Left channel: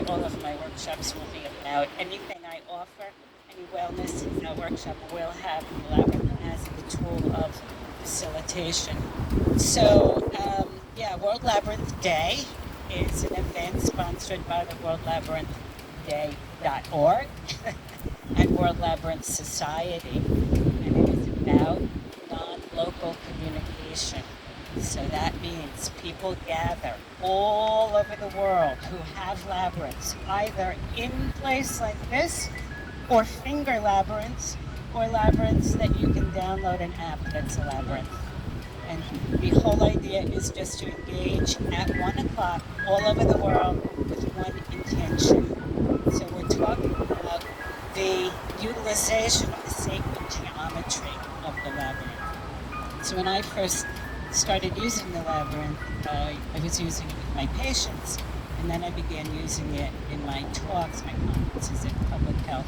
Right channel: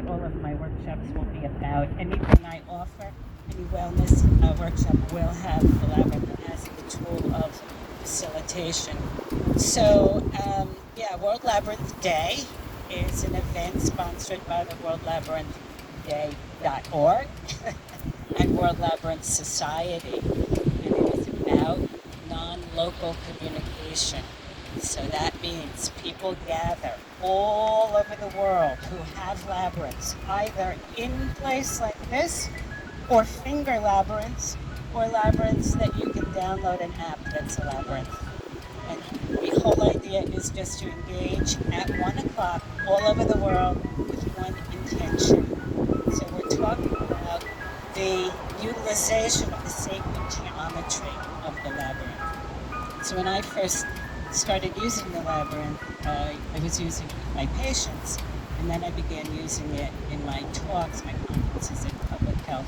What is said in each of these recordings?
what all of my workshops will be about. Anything I offer, any wellness workshop will have the labyrinth as the tool of facilitation. So, World Labyrinth Day is an event sponsored by the World Labyrinth Day.org and World Labyrinth Society, and it is about non-local communication. So that means people gather all over the world who have labyrinths, either in place like this, or finger labyrinths, or labyrinths that you can download an app that's a labyrinth. And the whole idea is just to engage at 1 o'clock all over the world with one intention. So we're talking about the utilization of the sacred geometry of the labyrinth. So when I first started using the labyrinth, I was using it with my patients, and then I began using it in my talks, my conferences at public health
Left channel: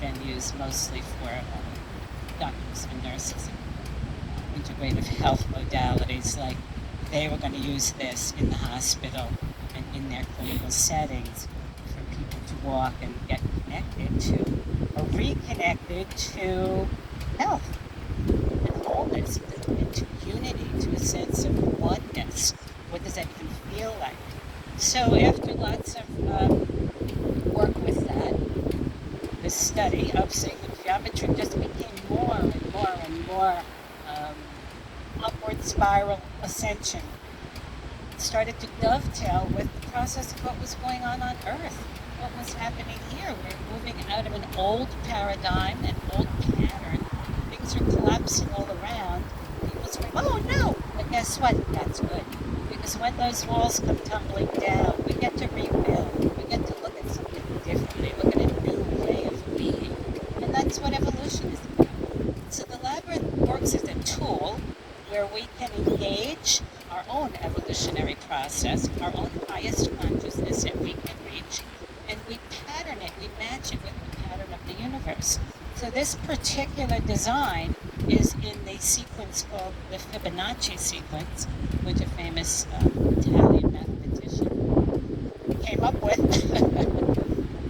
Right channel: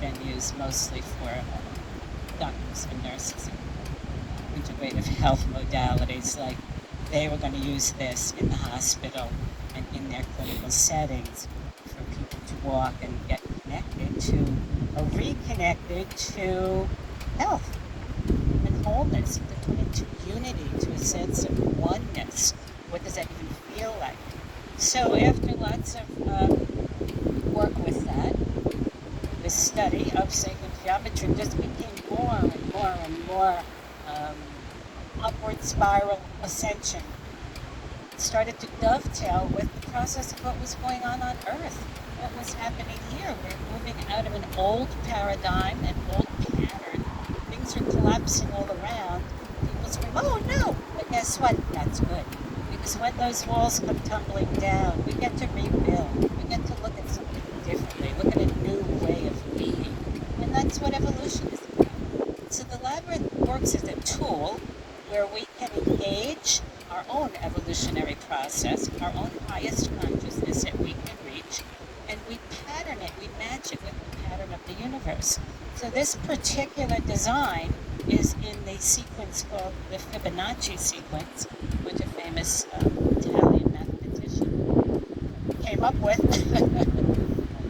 venues, mostly for doctors and nurses and integrative health modalities. Like they were going to use this in the hospital and in their clinical settings for people to walk and get connected to, or reconnected to health and wholeness, into unity, to a sense of oneness. What does that even feel like? So after lots of work with that, the study of sacred geometry just became more and more and more upward spiral ascension. It started to dovetail with the process of what was going on Earth, what was happening here. We're moving out of an old paradigm, an old pattern. Things are collapsing all around. People scream, oh no! But guess what? That's good. Because when those walls come tumbling down, we get to rebuild. We get to look at something differently, look at a new way of being. And that's what evolution is about. So the labyrinth works as a tool where we can engage our own evolutionary process, our own highest consciousness that we can reach, and we pattern it, we match it with the pattern of the universe. So this particular design is in the sequence called the Fibonacci sequence, which a famous Italian mathematician came up with.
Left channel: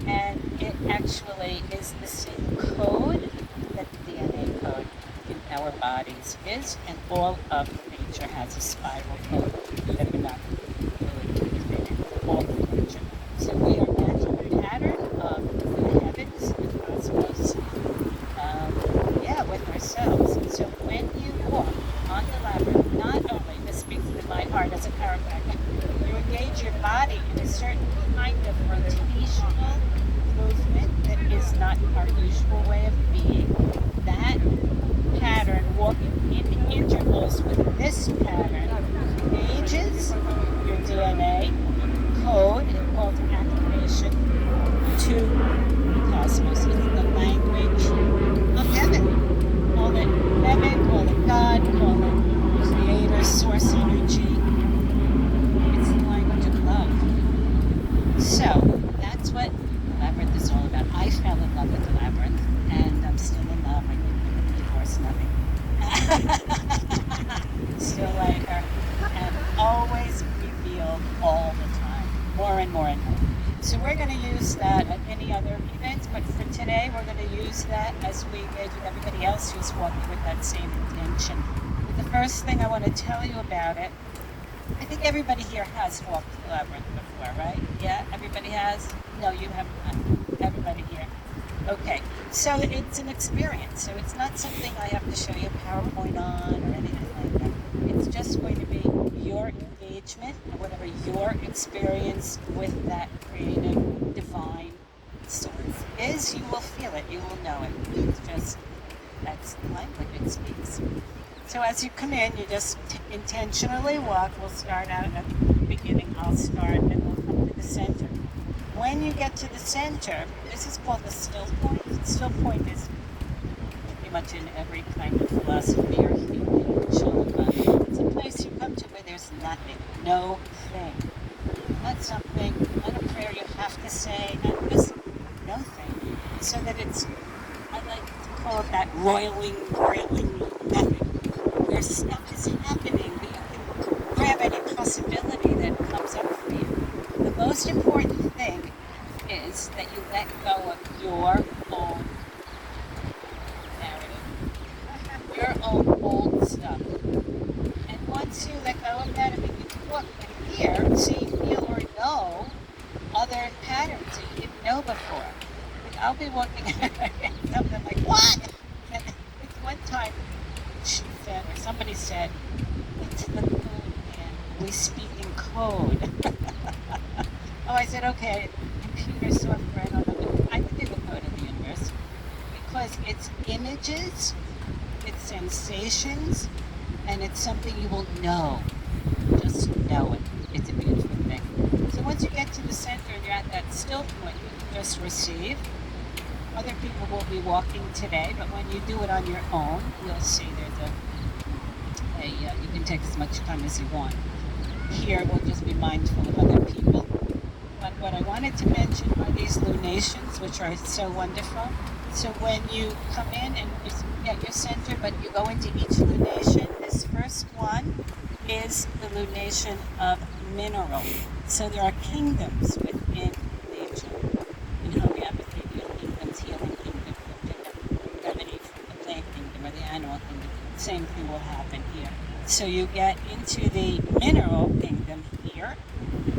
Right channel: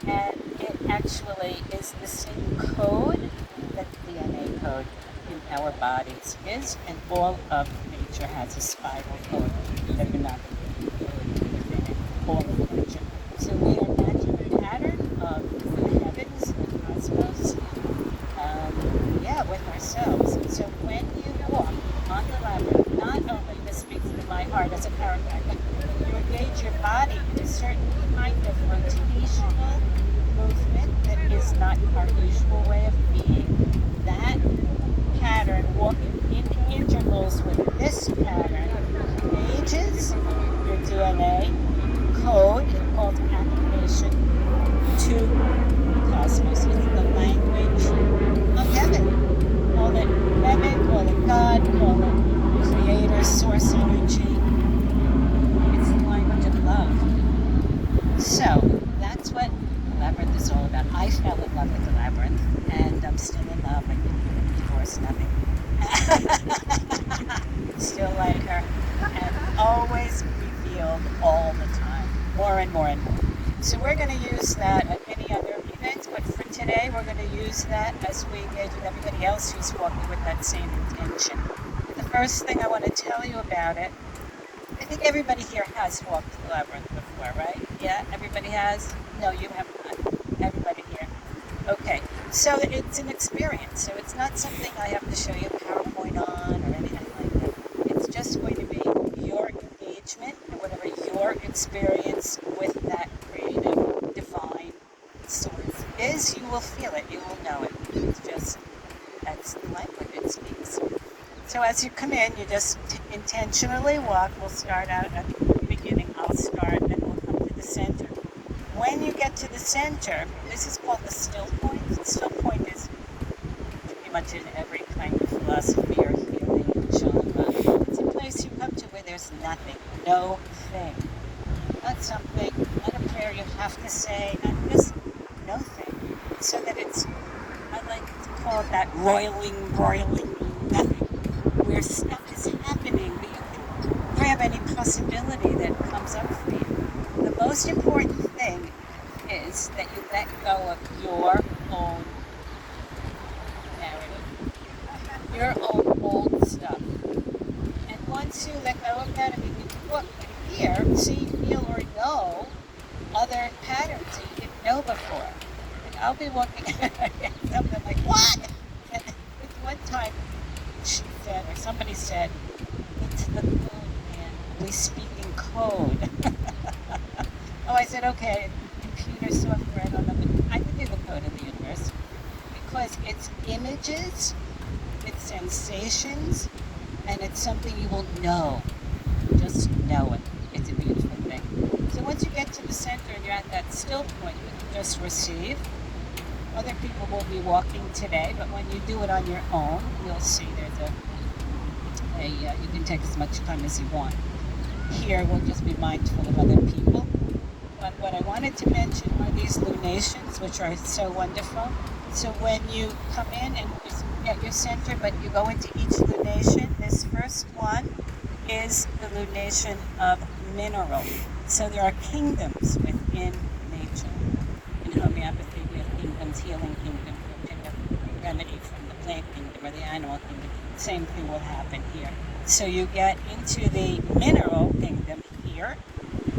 And it actually is the same code that the DNA code in our bodies is, and all of nature has a spiral code, Fibonacci code within it, all of nature. So we are matching the pattern of the heavens, the cosmos, with ourselves. So when you walk on the labyrinth, not only, this speaks to my heart as a chiropractor, you engage your body in a certain kind of rotational movement that is not our usual way of being. That pattern, walking in intervals with this pattern, engages your DNA code called activation to the cosmos. It's the language of heaven. Call it heaven, call it God, call it creator, source energy. It's the language of love. So that's what the labyrinth is all about. I fell in love with the labyrinth, and I'm still in love. I didn't get divorced, nothing. Still like her, and always revealed all the time, more and more and more. So we're going to use that at any other events, but for today we're going to use that as we engage with everybody else who's walking with that same intention. But the first thing I want to tell you about it, I think everybody here has walked the labyrinth before, right? Yeah, everybody has? No, you have not. Everybody here. Okay, so it's an experience. So it's not something I have to show you a PowerPoint on or anything like that. It's just going to be your engagement and whatever your experience with that creative, divine source is, you will feel it, you will know it. It's just, that's the language it speaks. So as you come in, you just intentionally walk. We'll start out at the beginning. I'll start and we'll come to the center. When you get to the center, this is called the still point. The still point is pretty much in every kind of philosophy or theory or genre. It's a place you come to where there's nothing, no thing. Not something, not a prayer you have to say, not just no thing. So that it's, I like to call it that roiling nothing. Where stuff is happening, but you can grab any possibility that comes up for you. The most important thing is that you let go of your own narrative, your own old stuff. And once you let go of that, I mean, you can look and hear, see, feel, or know other patterns that you didn't know before. And I'll be looking at something like, what? And one time she said, or somebody said, it's the code, man. We speak in code. Oh, I said, okay, computer software, I don't know. I can do the code of the universe because it's images, it's sensations, and it's something you will know. Just know it. It's a beautiful thing. So once you get to the center and you're at that still point, you can just receive. Other people will be walking today, but when you do it on your own, you'll see there's you can take as much time as you want. Here, we'll just be mindful of other people. But what I wanted to mention are these lunations, which are so wonderful. So when you come in and you're at your center, but you go into each lunation, this first one is the lunation of mineral. So there are kingdoms within nature. In homeopathy, kingdoms, healing kingdom, remedy from the plant kingdom or the animal kingdom. Same thing will happen here. So you get into the mineral kingdom here.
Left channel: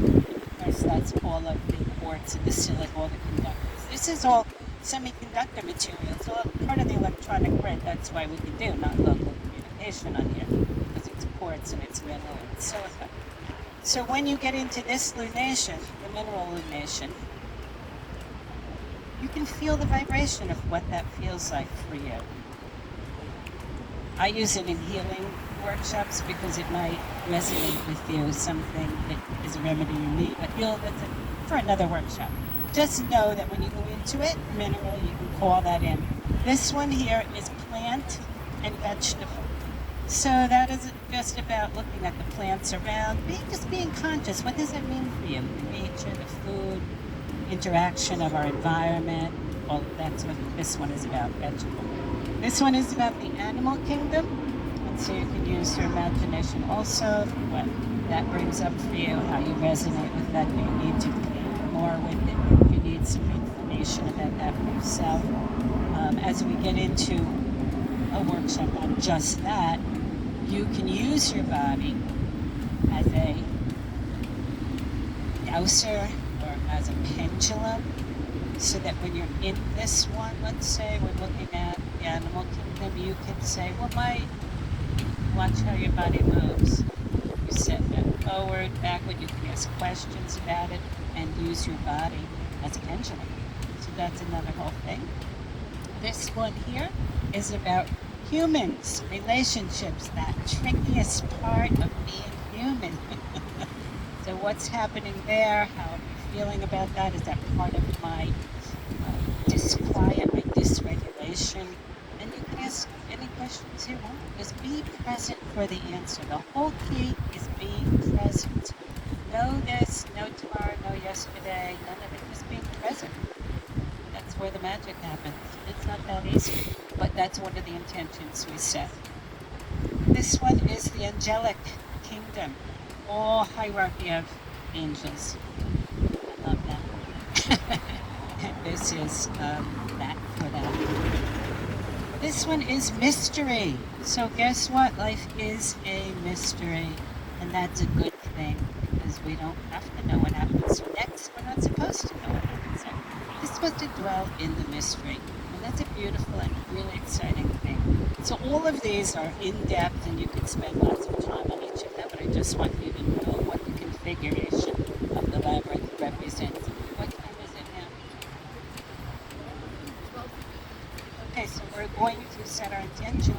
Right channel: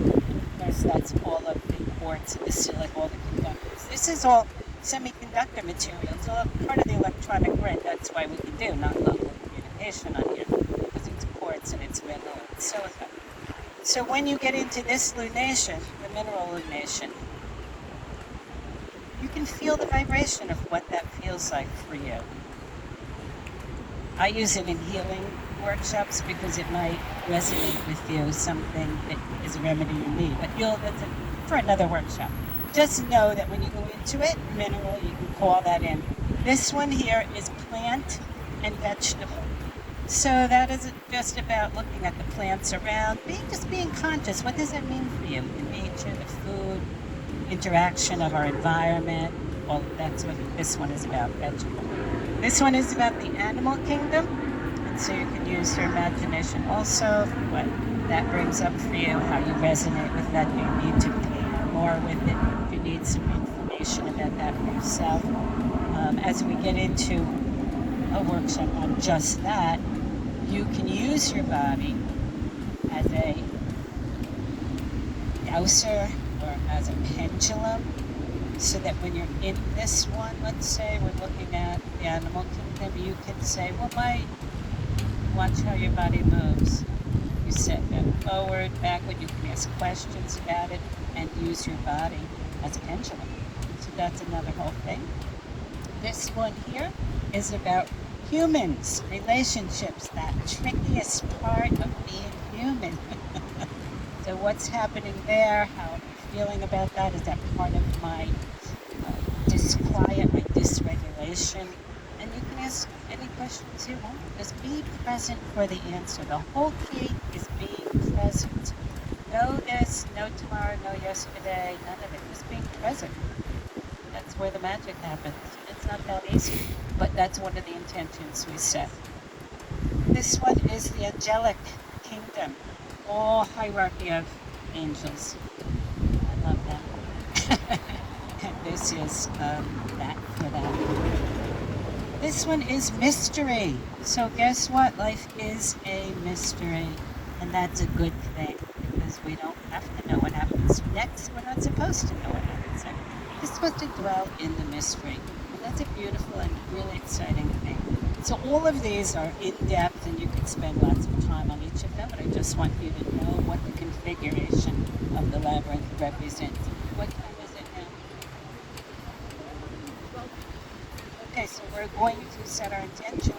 Of course, that's all of the quartz, the silica, all the conductors. This is all semiconductor material. It's all part of the electronic grid. That's why we can do non-local communication on here, because it's quartz and it's mineral and silica. So when you get into this lunation, the mineral lunation, you can feel the vibration of what that feels like for you. I use it in healing workshops because it might resonate with you, something that is a remedy you need. But that's for another workshop. Just know that when you go into it, mineral, you can call that in. This one here is plant and vegetable. So that is just about looking at the plants around, just being conscious. What does that mean for you? The nature, the food, interaction of our environment. Well, that's what this one is about, vegetable. This one is about the animal kingdom. And so you can use your imagination also, what that brings up for you, how you resonate with that. You need to play more with it. You need some information about that for yourself. As we get into a workshop on just that, you can use your body as a dowser or as a pendulum, so that when you're in this one, let's say we're looking at the animal kingdom, you can say, well, watch how your body moves. You set that forward, backward, you can ask questions about it and use your body as a pendulum. So that's another whole thing. This one here is about humans, relationships, that trickiest part of being human. So what's happening there, how I'm feeling about that, is that part of my disquiet, my dysregulation? And you can ask any questions you want. Just be present for the answer. The whole key is being present. No this, no tomorrow, no yesterday, none of it. Just being present. That's where the magic happens. It's not that easy, but that's one of the intentions we set. This one is the angelic kingdom, all hierarchy of angels. I love them. And this is that for that. This one is mystery. So guess what? Life is a mystery, and that's a good thing, because we don't have to know what happens next. We're not supposed to know what happens next. We're supposed to dwell in the mystery. And that's a beautiful and really exciting thing. So all of these are in-depth, and you can spend lots of time on each of them, but I just want you to know what the configuration of the labyrinth represents. What time is it now? Okay, so we're going to set our intention.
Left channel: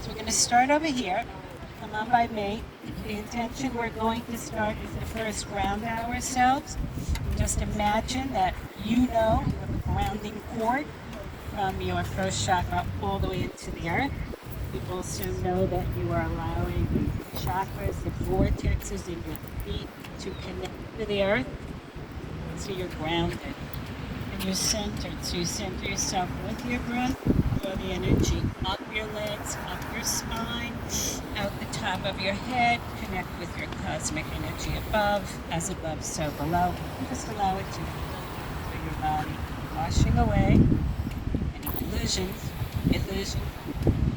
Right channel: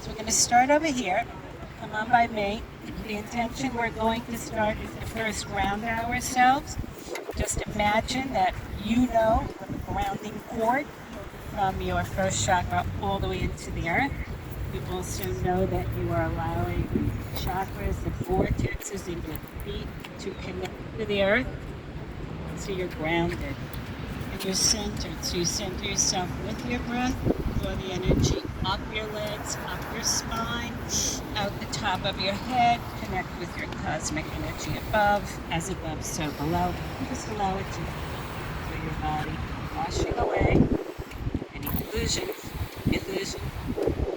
So we're going to start over here. Come on by me. The intention we're going to start is to first ground ourselves. Just imagine that you know the grounding cord from your first chakra all the way into the earth. You also know that you are allowing the chakras, the vortexes in your feet to connect to the earth, so you're grounded. And you're centered. So you center yourself with your breath, draw the energy up your legs, up your spine, out the top of your head, connect with your cosmic energy above, as above, so below. And just allow it to flow through your body, washing away any illusion,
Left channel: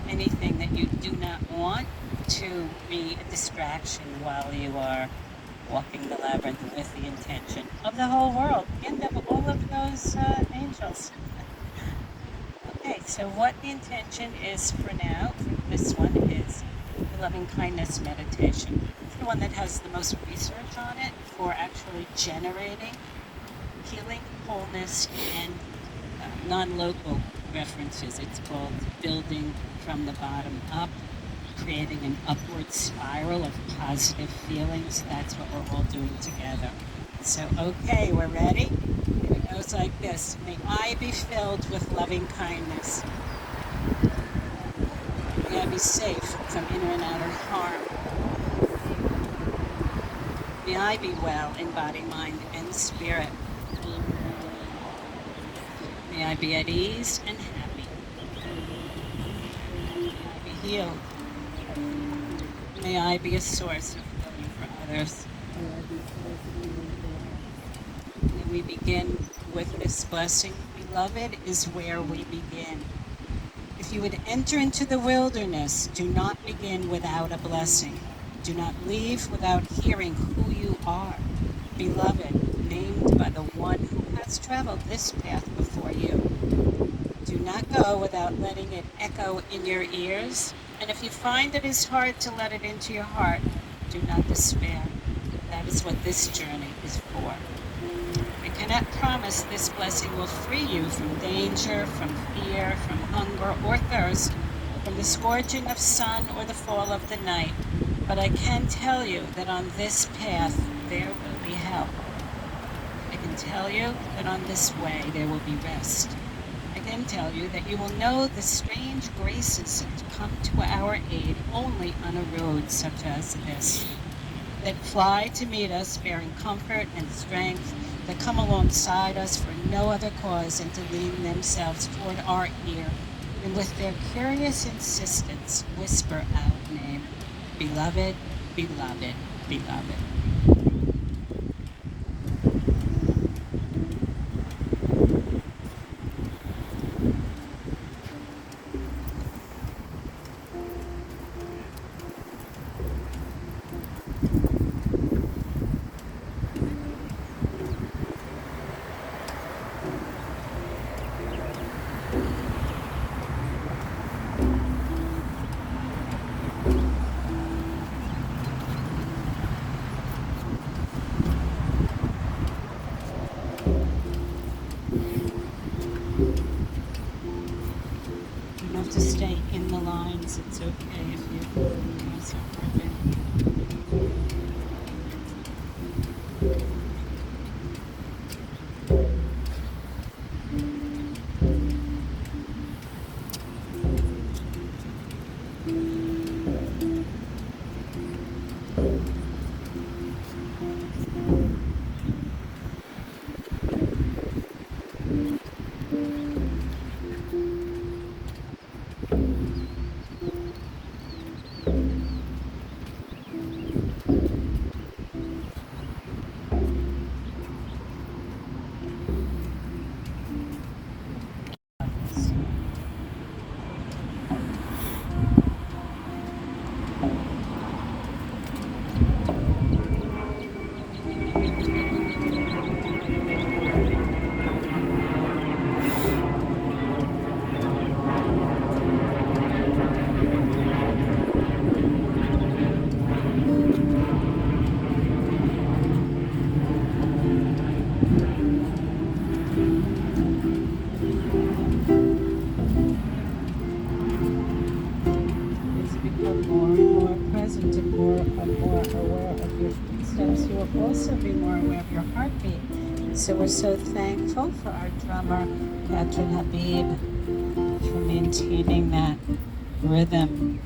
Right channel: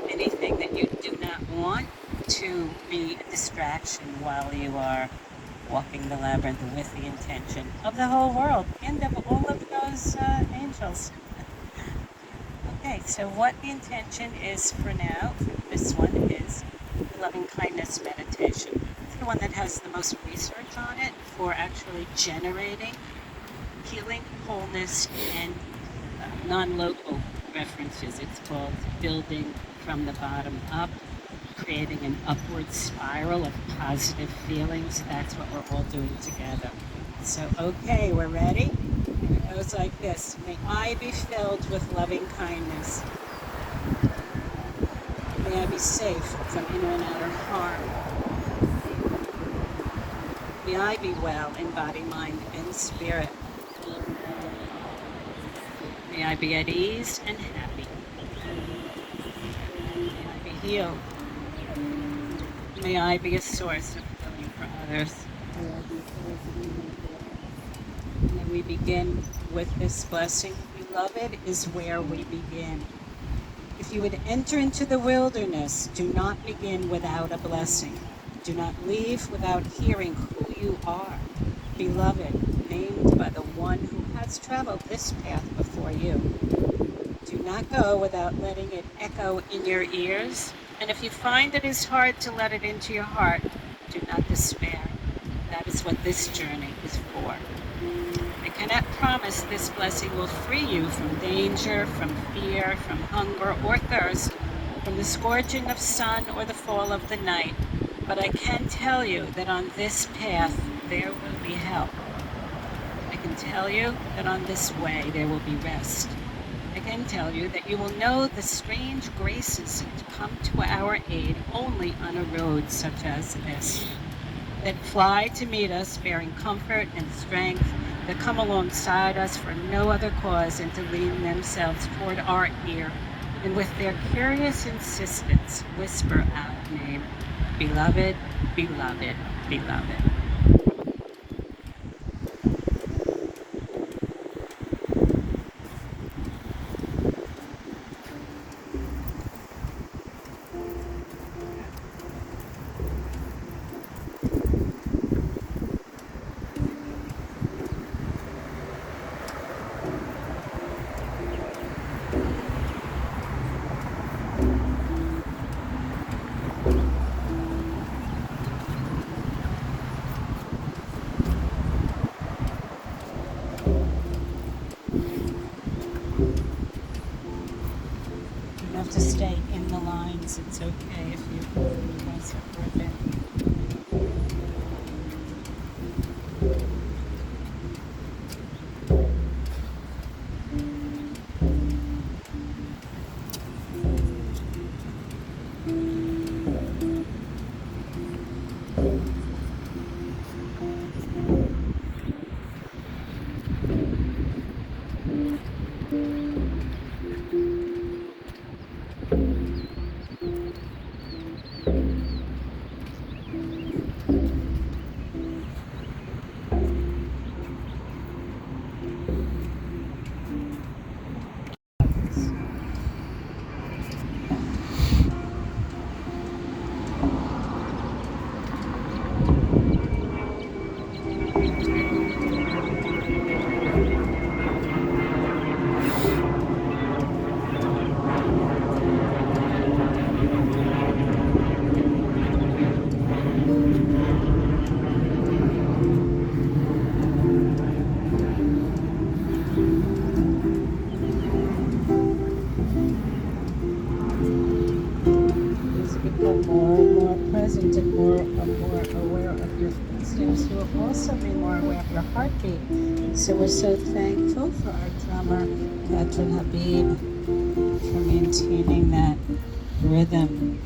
anything that you do not want to be a distraction while you are walking the labyrinth with the intention of the whole world and of all of those angels. Okay, so what the intention is for now, for this one, is the loving kindness meditation. It's the one that has the most research on it for actually generating healing, wholeness, and non-local references. It's called building from the bottom up, creating an upward spiral of positive feelings. That's what we're all doing together. So, okay, we're ready? It goes like this. May I be filled with loving kindness. May I be safe from inner and outer harm. May I be well in body, mind, and spirit. May I be at ease and happy. May I be healed. May I be a source of healing for others. May we begin with this blessing. Beloved is where we begin. If you would enter into the wilderness, do not begin without a blessing. Do not leave without hearing who you are. Beloved, named by the one who has traveled this path before you. Do not go without letting it echo in your ears. And if you find it is hard to let it into your heart, do not despair. That is what this journey is for. I cannot promise this blessing will free you from danger, from fear, from hunger or thirst, from the scorching of sun or the fall of the night. But I can tell you that on this path there will be help. I can tell you that on this way there will be rest. I can tell you that you will know the strange graces that come to our aid only on a road such as this, that fly to meet us bearing comfort and strength, that come alongside us for no other cause than to lean themselves toward our ear, and with their curious insistence whisper our name, beloved, beloved, beloved. Stay in the lines. It's okay if you pause it for a bit. So we're so thankful for our drummer, Patrick Habib, for maintaining that rhythm.